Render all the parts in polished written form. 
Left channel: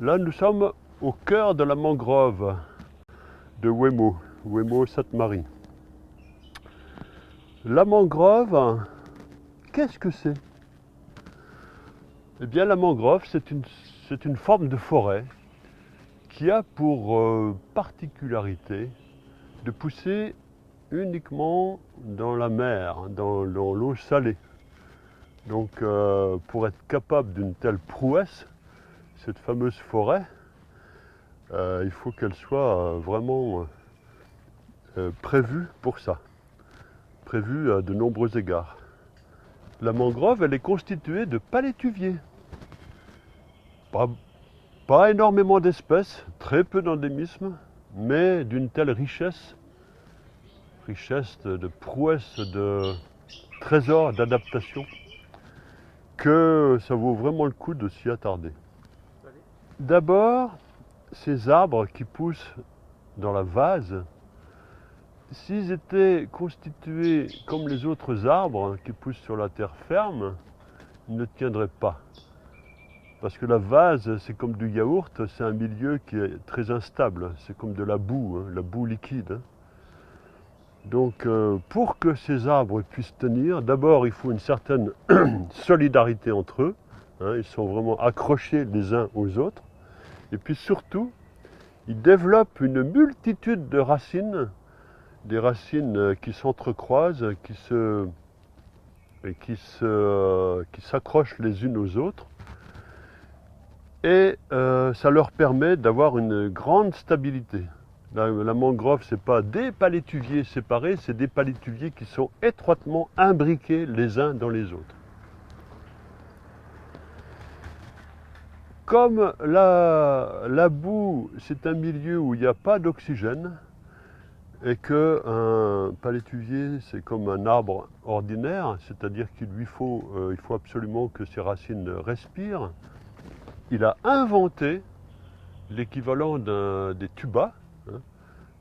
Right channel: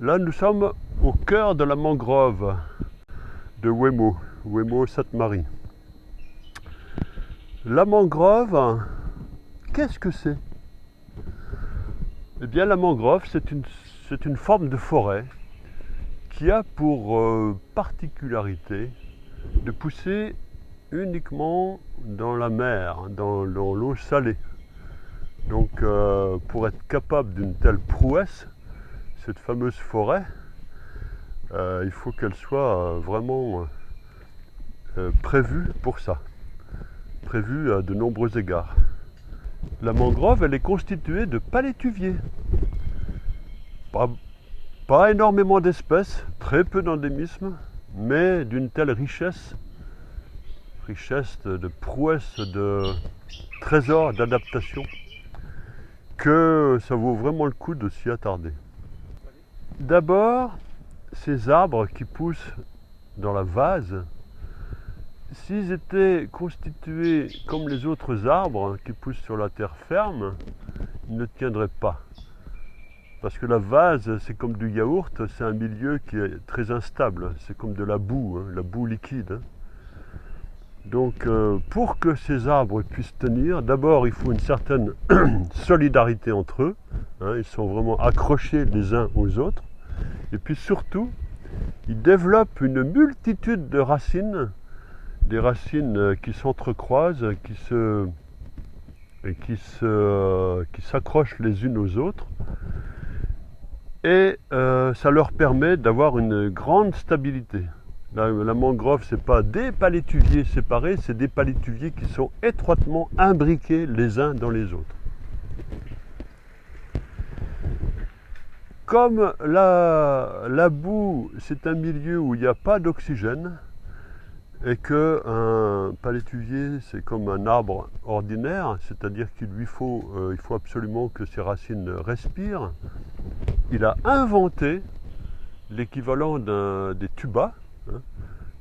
Là, nous sommes au cœur de la mangrove de Ouémaux Sainte-Marie. La mangrove, qu'est-ce que c'est? Eh bien, la mangrove, c'est une forme de forêt qui a pour particularité de pousser uniquement dans la mer, dans l'eau salée. Donc, pour être capable d'une telle prouesse, cette fameuse forêt, il faut qu'elle soit vraiment prévue pour ça, prévue à de nombreux égards. La mangrove, elle est constituée de palétuviers. Pas énormément d'espèces, très peu d'endémismes, mais d'une telle richesse de prouesse, de trésors d'adaptation, que ça vaut vraiment le coup de s'y attarder. D'abord, ces arbres qui poussent dans la vase, s'ils étaient constitués comme les autres arbres qui poussent sur la terre ferme, ils ne tiendraient pas. Parce que la vase, c'est comme du yaourt, c'est un milieu qui est très instable, c'est comme de la boue liquide. Donc pour que ces arbres puissent tenir, d'abord il faut une certaine solidarité entre eux, ils sont vraiment accrochés les uns aux autres, et puis surtout, ils développent une multitude de racines, des racines qui s'entrecroisent, qui s'accrochent les unes aux autres, et ça leur permet d'avoir une grande stabilité. La mangrove, ce n'est pas des palétuviers séparés, c'est des palétuviers qui sont étroitement imbriqués les uns dans les autres. Comme la boue, c'est un milieu où il n'y a pas d'oxygène, et qu'un palétuvier, c'est comme un arbre ordinaire, c'est-à-dire il faut absolument que ses racines respirent, il a inventé l'équivalent des tubas,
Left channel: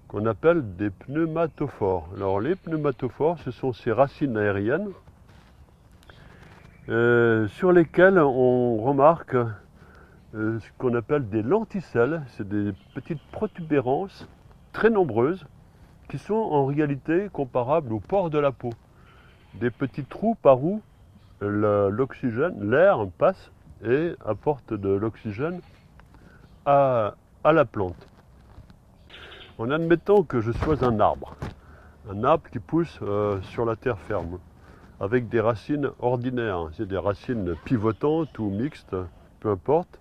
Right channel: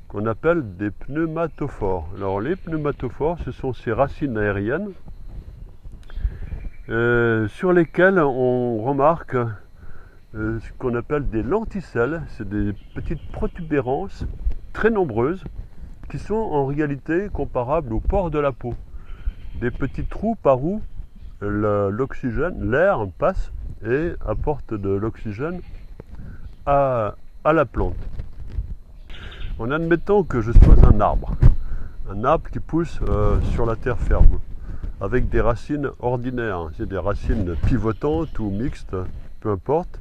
qu'on appelle des pneumatophores. Alors les pneumatophores, ce sont ces racines aériennes sur lesquelles on remarque ce qu'on appelle des lenticelles. C'est des petites protubérances très nombreuses qui sont en réalité comparables aux pores de la peau. Des petits trous par où l'oxygène, l'air passe et apporte de l'oxygène à la plante. En admettant que je sois un arbre qui pousse sur la terre ferme, avec des racines ordinaires, c'est des racines pivotantes ou mixtes, peu importe.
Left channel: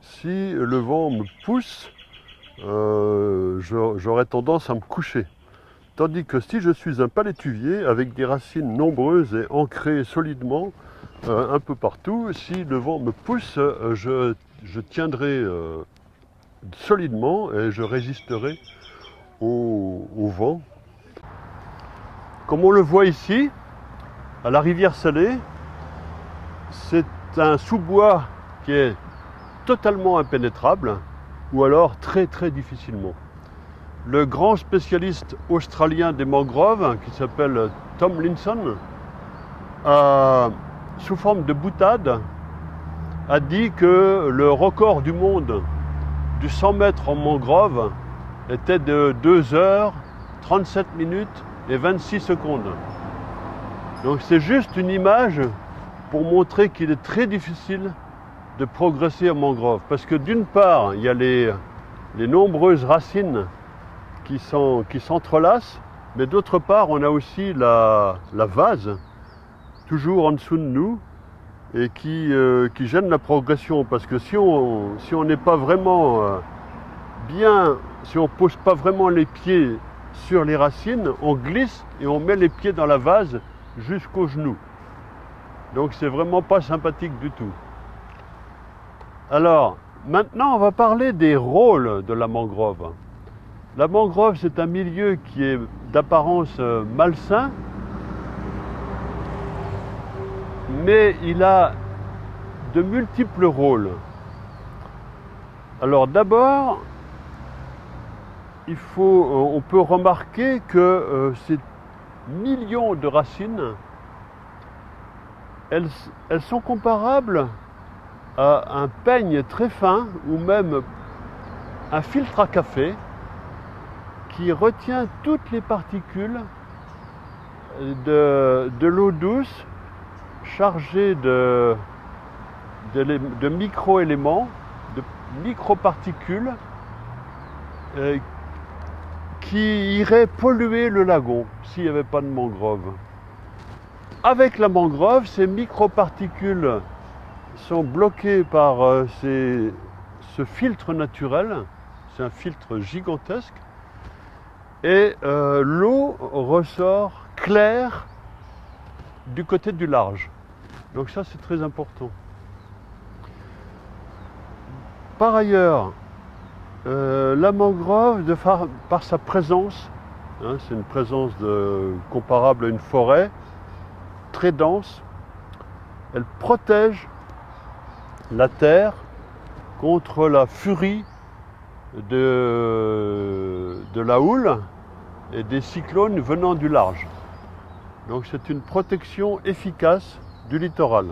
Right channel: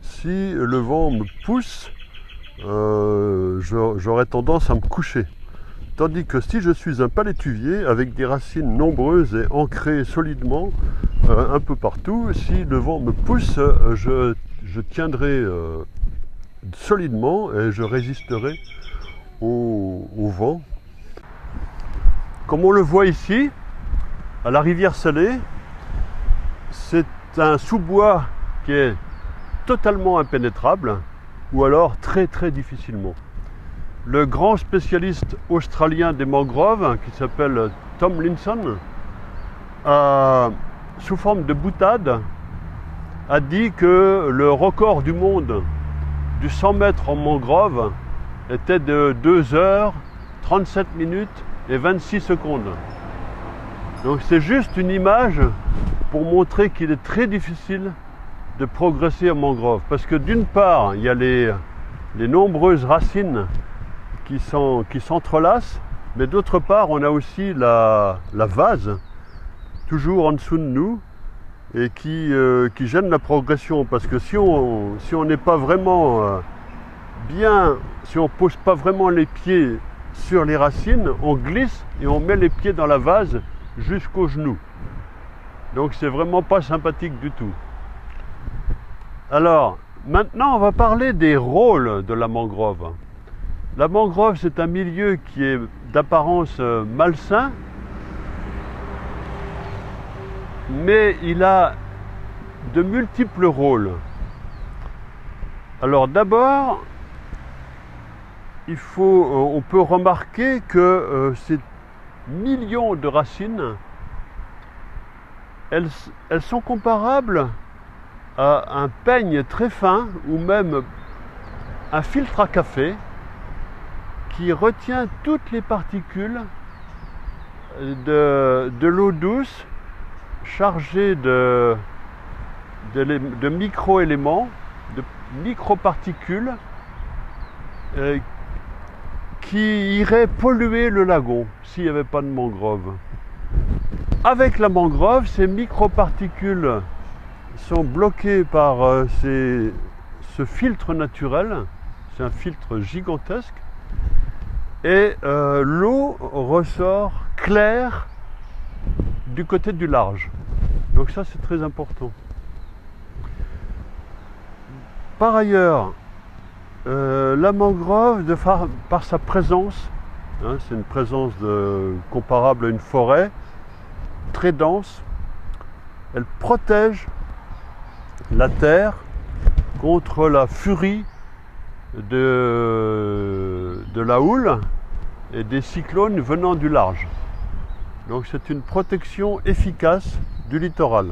Si le vent me pousse, j'aurais tendance à me coucher. Tandis que si je suis un palétuvier avec des racines nombreuses et ancrées solidement un peu partout, si le vent me pousse, je tiendrai solidement et je résisterai au vent. Comme on le voit ici, à la rivière Salée, c'est un sous-bois qui est totalement impénétrable ou alors très très difficilement. Le grand spécialiste australien des mangroves, qui s'appelle Tomlinson, sous forme de boutade, a dit que le record du monde du 100 mètres en mangrove était de 2 heures, 37 minutes et 26 secondes. Donc c'est juste une image pour montrer qu'il est très difficile de progresser en mangrove. Parce que d'une part, il y a les nombreuses racines qui s'entrelacent, mais d'autre part, on a aussi la vase, toujours en dessous de nous, et qui gêne la progression. Parce que si on n'est pas vraiment bien, si on ne pose pas vraiment les pieds sur les racines, on glisse et on met les pieds dans la vase jusqu'aux genoux. Donc c'est vraiment pas sympathique du tout. Alors, maintenant on va parler des rôles de la mangrove. La mangrove, c'est un milieu qui est d'apparence malsain, mais il a de multiples rôles. Alors d'abord, on peut remarquer que ces millions de racines, elles sont comparables a un peigne très fin ou même un filtre à café qui retient toutes les particules de l'eau douce chargée de micro-éléments, de micro-particules qui iraient polluer le lagon s'il n'y avait pas de mangrove. Avec la mangrove, ces micro-particules sont bloquées par ce filtre naturel. C'est un filtre gigantesque. Et l'eau ressort claire du côté du large. Donc ça, c'est très important. Par ailleurs, la mangrove, par sa présence, hein, c'est une présence comparable à une forêt, très dense, elle protège la terre contre la furie de la houle et des cyclones venant du large. Donc c'est une protection efficace du littoral.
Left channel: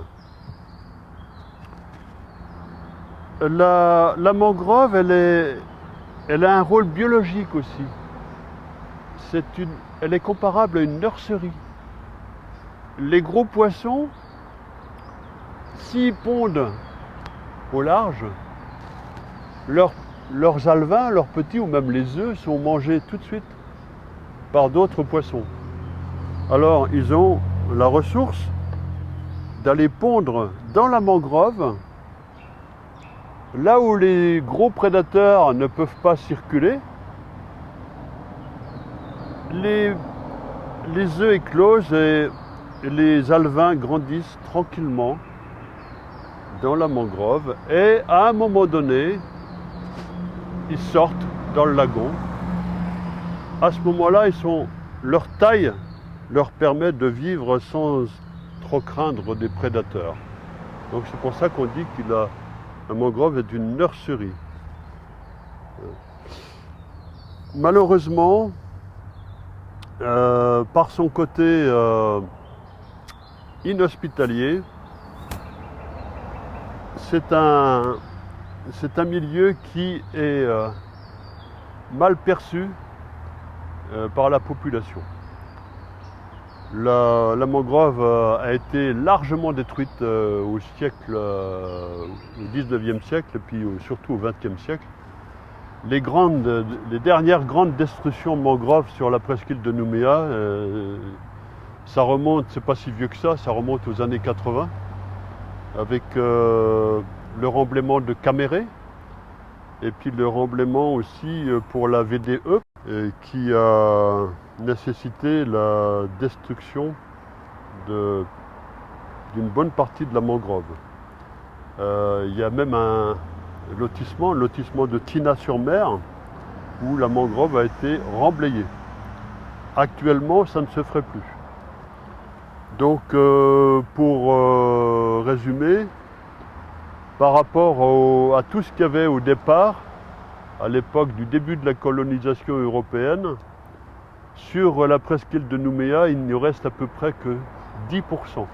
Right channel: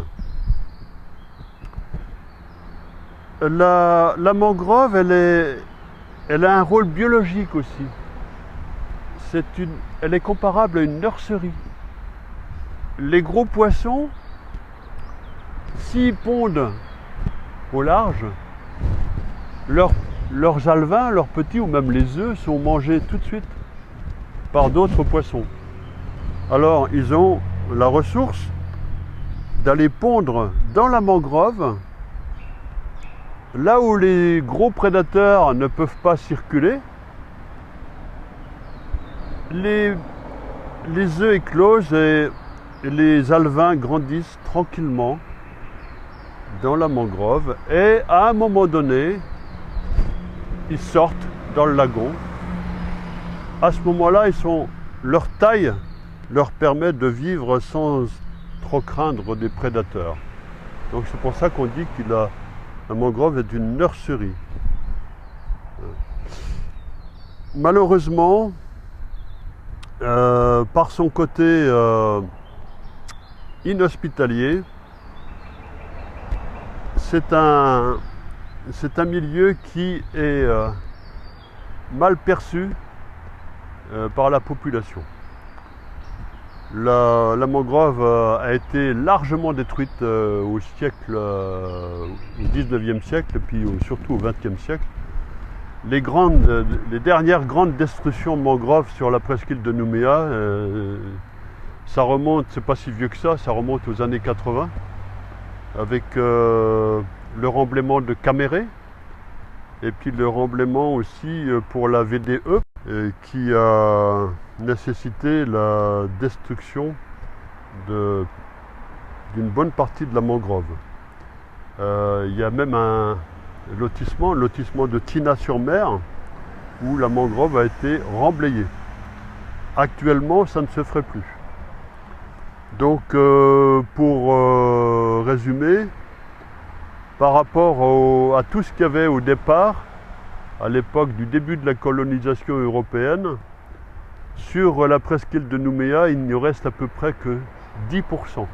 La mangrove, elle a un rôle biologique aussi. Elle est comparable à une nurserie. Les gros poissons, s'ils pondent au large, leurs alevins, leurs petits ou même les œufs sont mangés tout de suite par d'autres poissons. Alors ils ont la ressource d'aller pondre dans la mangrove, là où les gros prédateurs ne peuvent pas circuler. Les œufs éclosent et les alevins grandissent tranquillement dans la mangrove et à un moment donné, ils sortent dans le lagon. À ce moment-là, leur taille leur permet de vivre sans trop craindre des prédateurs. Donc c'est pour ça qu'on dit que la mangrove est une nurserie. Malheureusement, par son côté inhospitalier, c'est un milieu qui est mal perçu par la population. La mangrove a été largement détruite au 19e siècle et puis surtout au 20e siècle. Les dernières grandes destructions de mangroves sur la presqu'île de Nouméa, ça remonte, c'est pas si vieux que ça remonte aux années 80, avec le remblaiement de Caméré, et puis le remblaiement aussi pour la VDE, qui a nécessité la destruction d'une bonne partie de la mangrove. Il y a même un lotissement de Tina-sur-Mer, où la mangrove a été remblayée. Actuellement, ça ne se ferait plus. Donc, pour résumer, par rapport à tout ce qu'il y avait au départ, à l'époque du début de la colonisation européenne, sur la presqu'île de Nouméa, il n'y reste à peu près que 10%.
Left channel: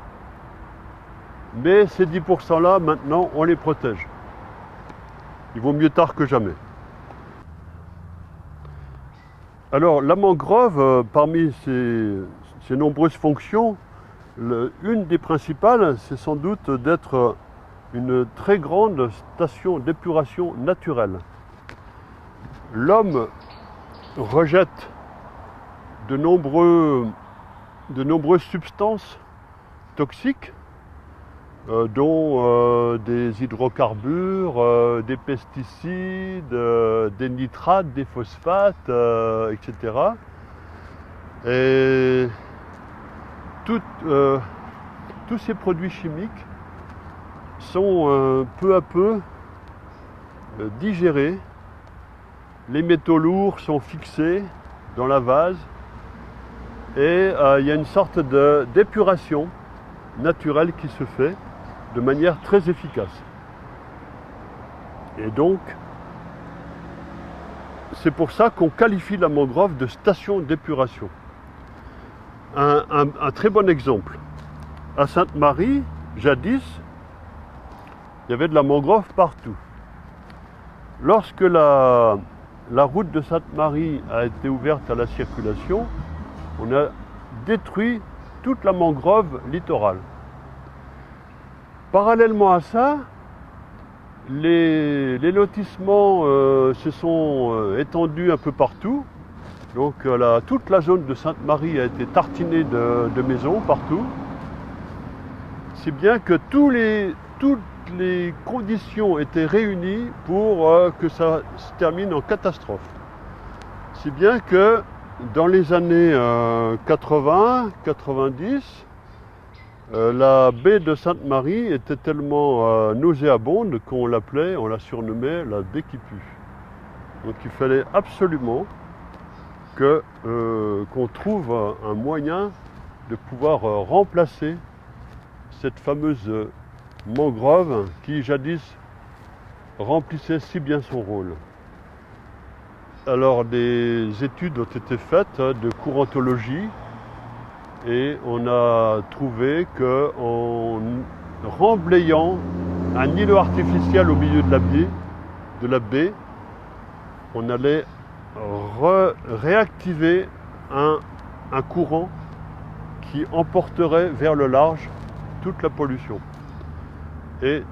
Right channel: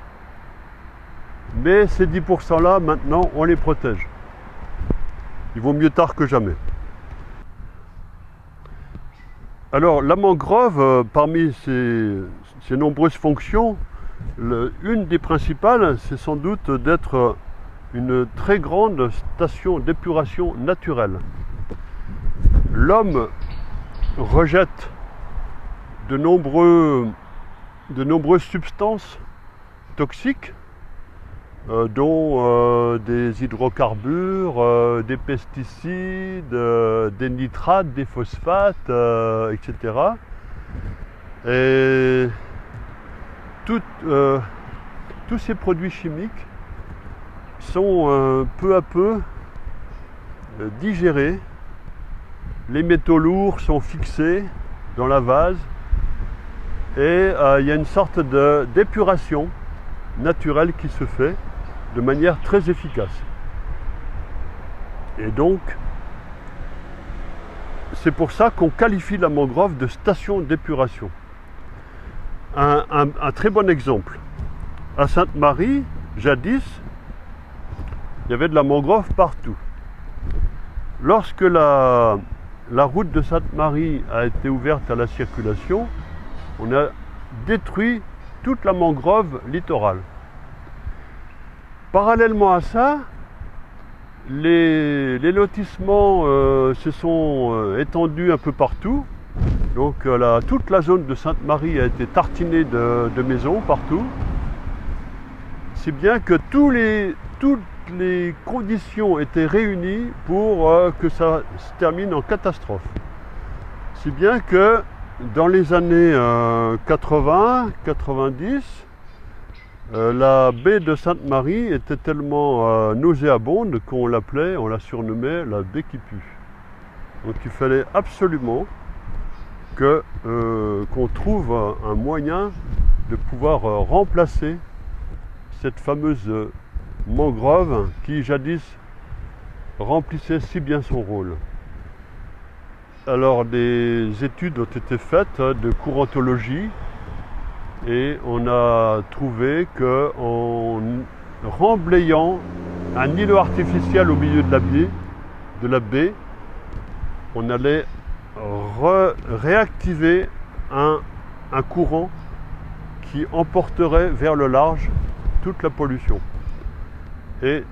Mais ces 10%-là, maintenant, on les protège. Il vaut mieux tard que jamais. Alors, la mangrove, parmi ses nombreuses fonctions, une des principales, c'est sans doute d'être une très grande station d'épuration naturelle. L'homme rejette de nombreuses substances toxiques, dont des hydrocarbures, des pesticides, des nitrates, des phosphates, etc. Et tous ces produits chimiques sont peu à peu digérés. Les métaux lourds sont fixés dans la vase et il y a une sorte d'épuration naturelle qui se fait de manière très efficace. Et donc, c'est pour ça qu'on qualifie la mangrove de station d'épuration. Un très bon exemple. À Sainte-Marie, jadis, il y avait de la mangrove partout. Lorsque la route de Sainte-Marie a été ouverte à la circulation, on a détruit toute la mangrove littorale. Parallèlement à ça, les lotissements se sont étendus un peu partout. Donc toute la zone de Sainte-Marie a été tartinée de maisons partout. Si bien que toutes les conditions étaient réunies pour que ça se termine en catastrophe. Si bien que dans les années 80, 90, la baie de Sainte-Marie était tellement nauséabonde qu'on on la surnommait la baie qui pue. Donc il fallait absolument qu'on trouve un moyen de pouvoir remplacer cette fameuse mangrove qui jadis remplissait si bien son rôle. Alors des études ont été faites de courantologie et on a trouvé qu'en remblayant un îlot artificiel au milieu de la baie, on allait réactiver un courant qui emporterait vers le large toute la pollution. Et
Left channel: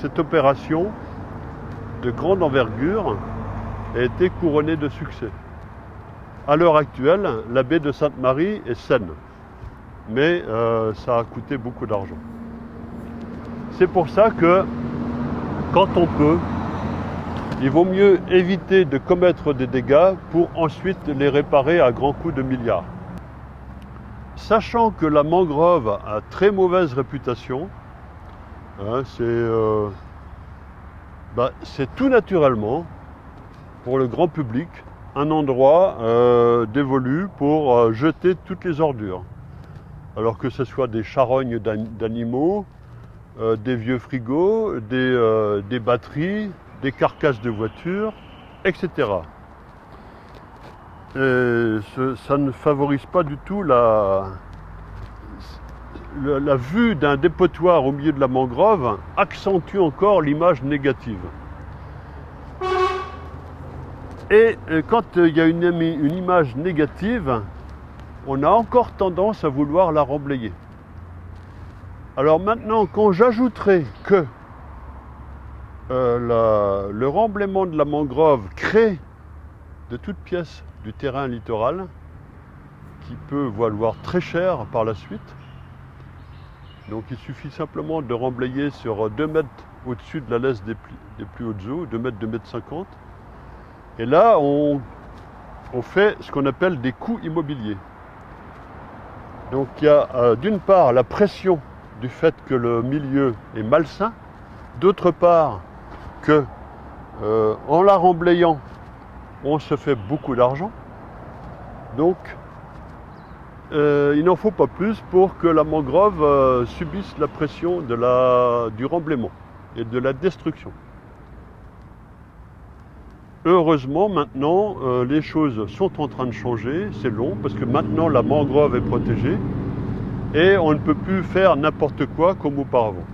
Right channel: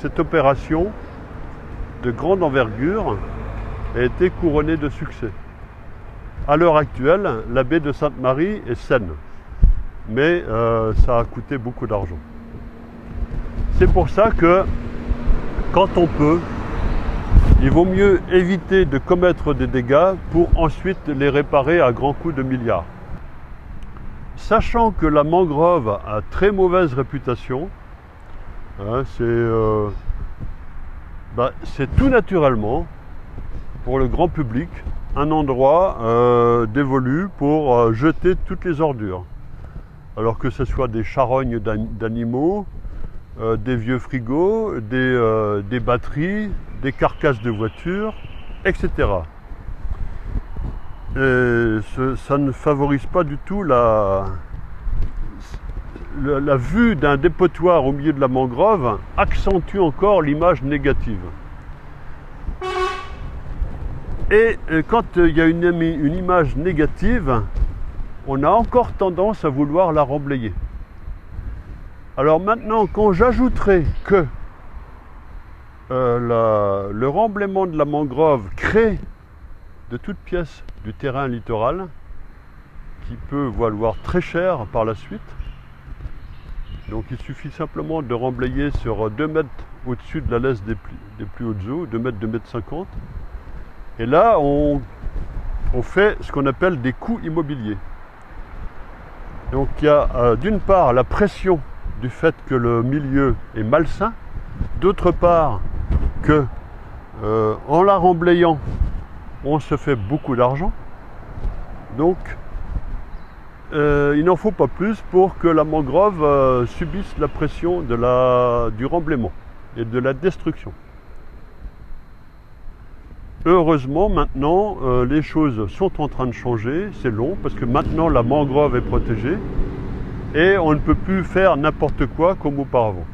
cette opération de grande envergure a été couronnée de succès. À l'heure actuelle, la baie de Sainte-Marie est saine, mais ça a coûté beaucoup d'argent. C'est pour ça que, quand on peut, il vaut mieux éviter de commettre des dégâts pour ensuite les réparer à grands coups de milliards. Sachant que la mangrove a très mauvaise réputation, c'est tout naturellement, pour le grand public, un endroit dévolu pour jeter toutes les ordures. Alors que ce soit des charognes d'animaux, des vieux frigos, des batteries, des carcasses de voitures, etc. Et ça ne favorise pas du tout la vue d'un dépotoir au milieu de la mangrove, accentue encore l'image négative. Et quand il y a une image négative, on a encore tendance à vouloir la remblayer. Alors maintenant, quand j'ajouterai que le remblaiement de la mangrove crée de toutes pièces du terrain littoral, qui peut valoir très cher par la suite. Donc il suffit simplement de remblayer sur 2 mètres au-dessus de la laisse des plus hautes eaux, 2 mètres, 2 mètres 50. Et là, on fait ce qu'on appelle des coûts immobiliers. Donc il y a d'une part la pression du fait que le milieu est malsain, d'autre part que en la remblayant, on se fait beaucoup d'argent. Donc il n'en faut pas plus pour que la mangrove subisse la pression du remblaiement et de la destruction. Heureusement, maintenant, les choses sont en train de changer. C'est long parce que maintenant la mangrove est protégée et on ne peut plus faire n'importe quoi comme auparavant.